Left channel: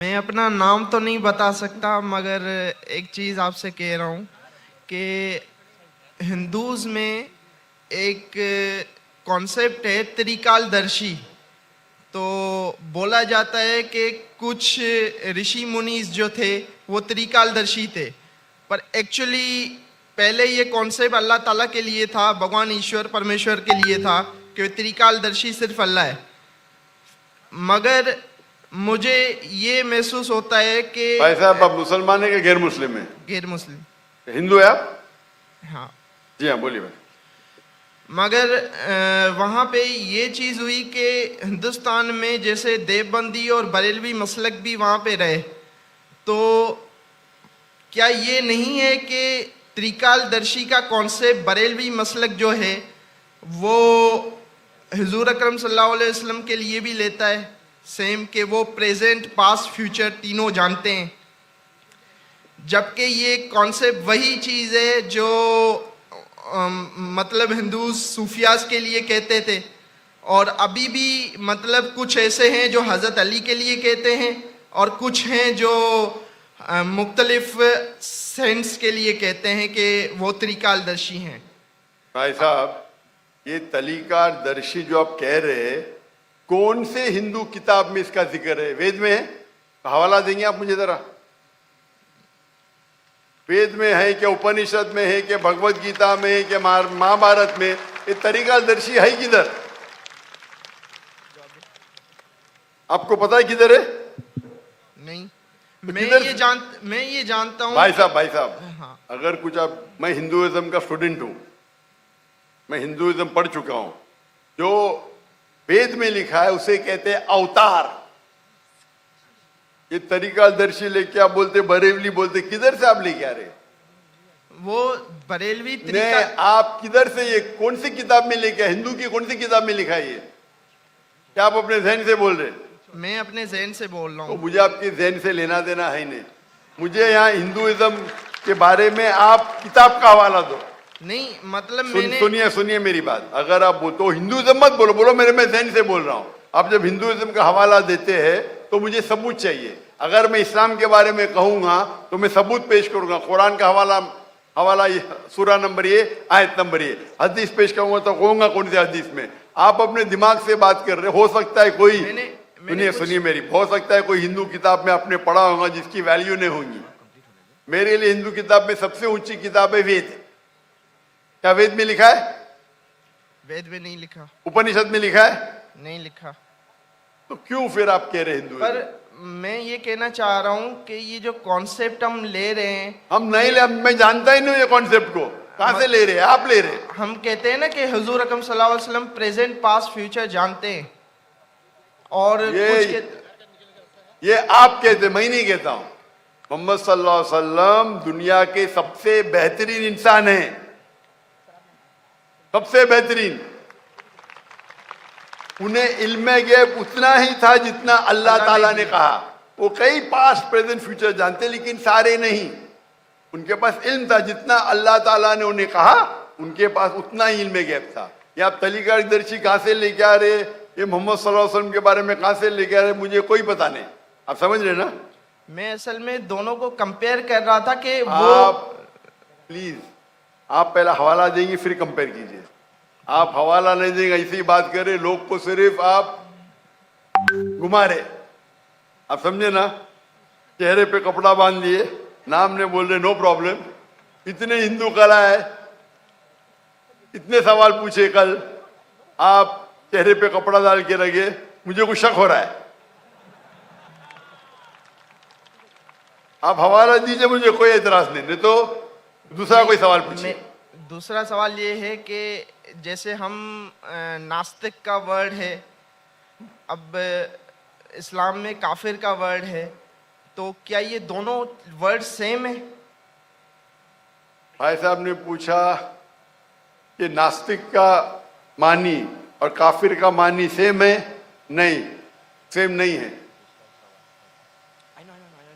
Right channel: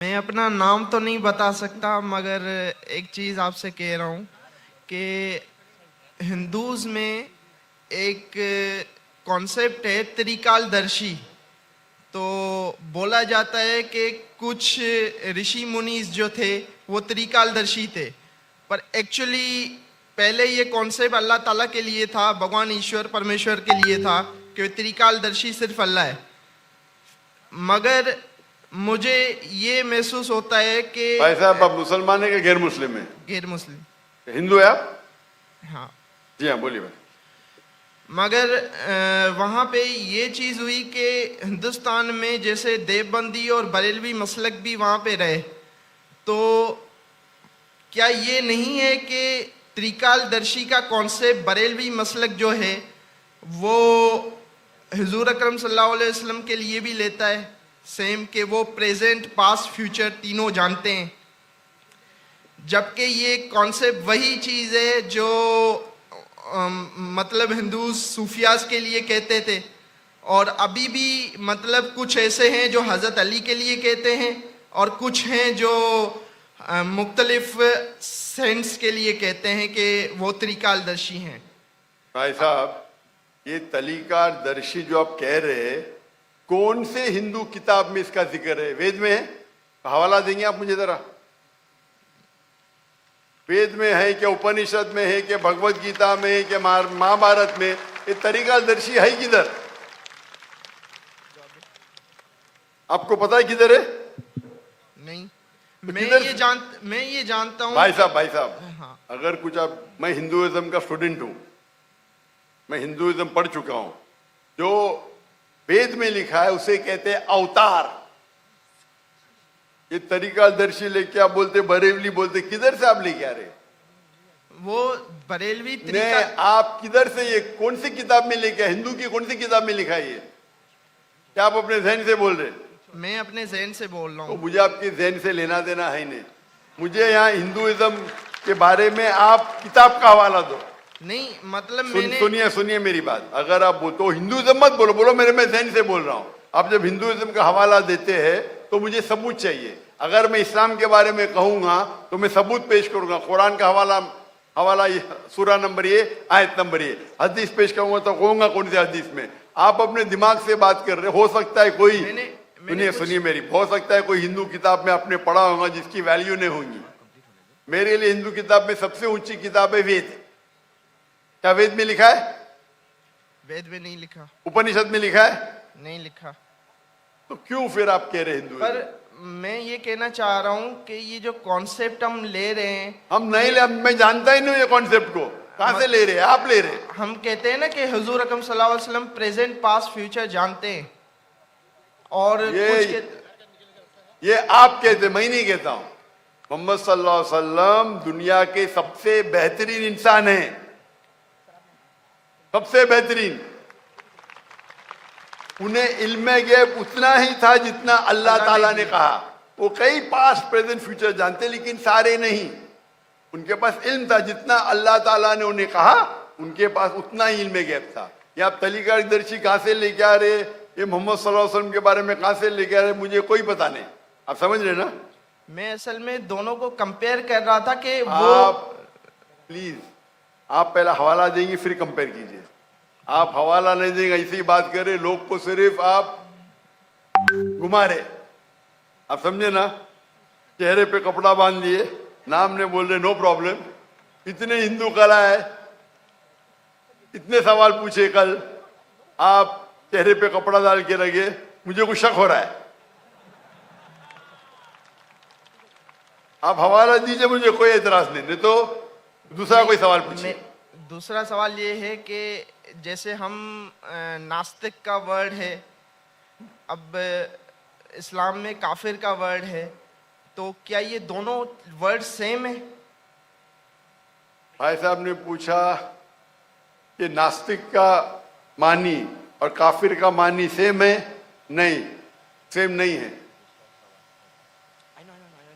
मैं अपना नाम तो नहीं बता सकता, मगर एक चीज़ आपसे कह रहा हूँ कि हिंदूज़ में एक कॉन्सेप्ट है त्रिकालदर्शी। तो बोला जाता है कि कुछ ऋषि मुनीस जो थे वो त्रिकालदर्शी थे, पर एक्चुअली पहले ये कॉन्सेप्ट अल्लाह ताला के लिए था, भगवान ईश्वर परमेश्वर के लिए था कि त्रिकालदर्शी सिर्फ अल्लाह है। मगर मुझे ये महसूस होता है कि भाई साहब, आप मुसलमान है कि गैर मुस्लिम है? गैर मुस्लिम। हिंदू है आप? हाँ जी हाँ, बोलिए भाई। मगर वहाँ पे ये चीज़ हुई कि हिंदुस्तान में जैसे देवबंदी और बरेलवी मसलक भी वहाँ पे रहे, तो क्या ये नहीं है कि त्रिकालदर्शी का कॉन्सेप्ट बरेलवी मसलक जो है वो हुजूर अकरम सल्लल्लाहु अलैहि वसल्लम के लिए भी लेता है सेम, कि वो प्रेजेंट पास्ट फ्यूचर तीनों जानते हैं, जबकि ये कॉन्सेप्ट वही चीज़ है जो मतलब हिंदू सूफियाज के लिए कहते थे, और अभी भी मतलब कुछ ऐसे हैं जो हज़रत अली के लिए कहते हैं और कुछ हैं जो मुख्तलिफ सेंस के लिए कहते हैं कि वो त्रिकालदर्शी हैं। भाई साहब, ये त्रिकालदर्शी जो आप कह रहे हैं, कौन से हिंदू किताब में इसका जिक्र है? वेद में है? हवाला देंगे आप मुझे जरा? वेद में है क्या, उपनिषद में है क्या, भगवत गीता में है क्या, महाभारत में? ये त्रिकालदर्शी है किधर? आपको पता है किधर है? नहीं, तो मैं ये जानता हूँ। भाई साहब, हाँ। अगर कुछ आप, मैं हिंदुइज्म का स्टूडेंट हूं, मैं हिंदुइज्म पढ़ चुका हूं। जो वेद में लिखा है उसे कहते हैं अवतार। ये त्रिकालदर्शी लेके आप बोलते बरेलवी बोलते, किधर से आप लेके आ रहे? वो बरेलवी आप किधर से, ये कौन सी किताब में लेके आए? हिंदू की कौन सी किताब में लिखा है ये? क्या आप अपने जहन से बोल रहे? मैं अपने जहन से बोल रहा हूँ। तो मुझे आपकी जहन से लेना देना है नहीं। मुझे यहाँ हिंदुइज्म के बारे में आप किताब का हवाला दो। नहीं मतलब सुनिए मेरी बात। अगर आप बोलते हो हिंदुइज्म मत बोलो, बोलो मेरे मैं जहन से बोल रहा हूँ। आप जब हिंदुइज्म का हवाला देते हैं तो मुझे सबूत चाहिए। अगर मैं इस्लाम के बारे में कहूंगा तो मैं सबूत पेश करूंगा। कुरान का हवाला सूरा नंबर ये, आयत नंबर ये। हदीस पेश करूंगा तो कहूंगा कौन से हदीस में। आप अपने दिमाग से बात कर रहे हो सकता है कोई, सुनिए मेरी, हो सकता है कोई हिंदू किताब में आपने पढ़ा होगा जिसकी वैल्यू नहीं होगी। मेरे लिए हिंदू किताब में सबसे ऊंची किताब है वेद। क्या वेद में लिखा है? वेद में नहीं लिखा। उपनिषद में लिखा है? नहीं लिखा। तो क्यों फिर आप कह रहे हिंदू? पर मैं ये कहना चाह रहा हूँ कि ये जो कॉन्सेप्ट हम ले रहे हैं, हम नहीं ले, मैं जानता ही नहीं ये कॉन्सेप्ट को। कहां से ले रहे हैं? आप ले रहे हैं। हम कहते हैं ना कि हुजूर अकरम सल्लल्लाहु अलैहि वसल्लम प्रेजेंट पास्ट फ्यूचर जानते हैं, और ये आप कहते, मैं नहीं कहता हूं। मोहम्मद सल्लल्लाहु अलैहि वसल्लम दुनिया के सबसे बेहतरीन इंसान हैं, सबसे बेहतरीन। उन्हें इल्म गैब उतना ही था जितना अल्लाह ताला ने कहा। वो कई पास्ट प्रेजेंट फ्यूचर जानते, लेकिन सारे नहीं। उनके पास इल्म था जितना अल्लाह ताला ने उन्हें कहा, उनके पास उतना ही इल्म गैब था। ये आप त्रिकालदर्शी कहां से लेके आ रहे? ये मोहम्मद सल्लल्लाहु अलैहि वसल्लम के बारे में कहां से लेके आ रहे? मुझे कोई पता नहीं। आप समझ रहे ना? मैं असल में दोनों को कंपेयर कर रहा था कि प्लीज आप पहला हवाला देंगे फिर कंपेयर कीजिए। आप हवाला नहीं देंगे, ऐसी बात करे, लोग को सिर्फ आप घुमा रहे। आप समझे ना? चेहरे पे कपड़ा बांध दिए, नाम ने बोल रहे नो प्रॉब्लम। इतने हिंदू कला है, इतने सवाल पूछे कल, आप चेहरे पे कपड़ा डाल के रखे। मुझे कुछ शक हो रहा है। आप हवाला दीजिए, मुझे कोई एतराज नहीं तो दूसरा कोई सवाल पूछिए। दूसरा सवाल ये है कि जैसे हम नास्तिक का वर्ड है, अब इस्लाम में काफिर का वर्ड है, तो क्या ये दोनों वर्ड सेम है? भाई साहब ने पूछा कि नास्तिक का मानी और काफिर का मानी सेम है? नहीं, सेम नहीं है।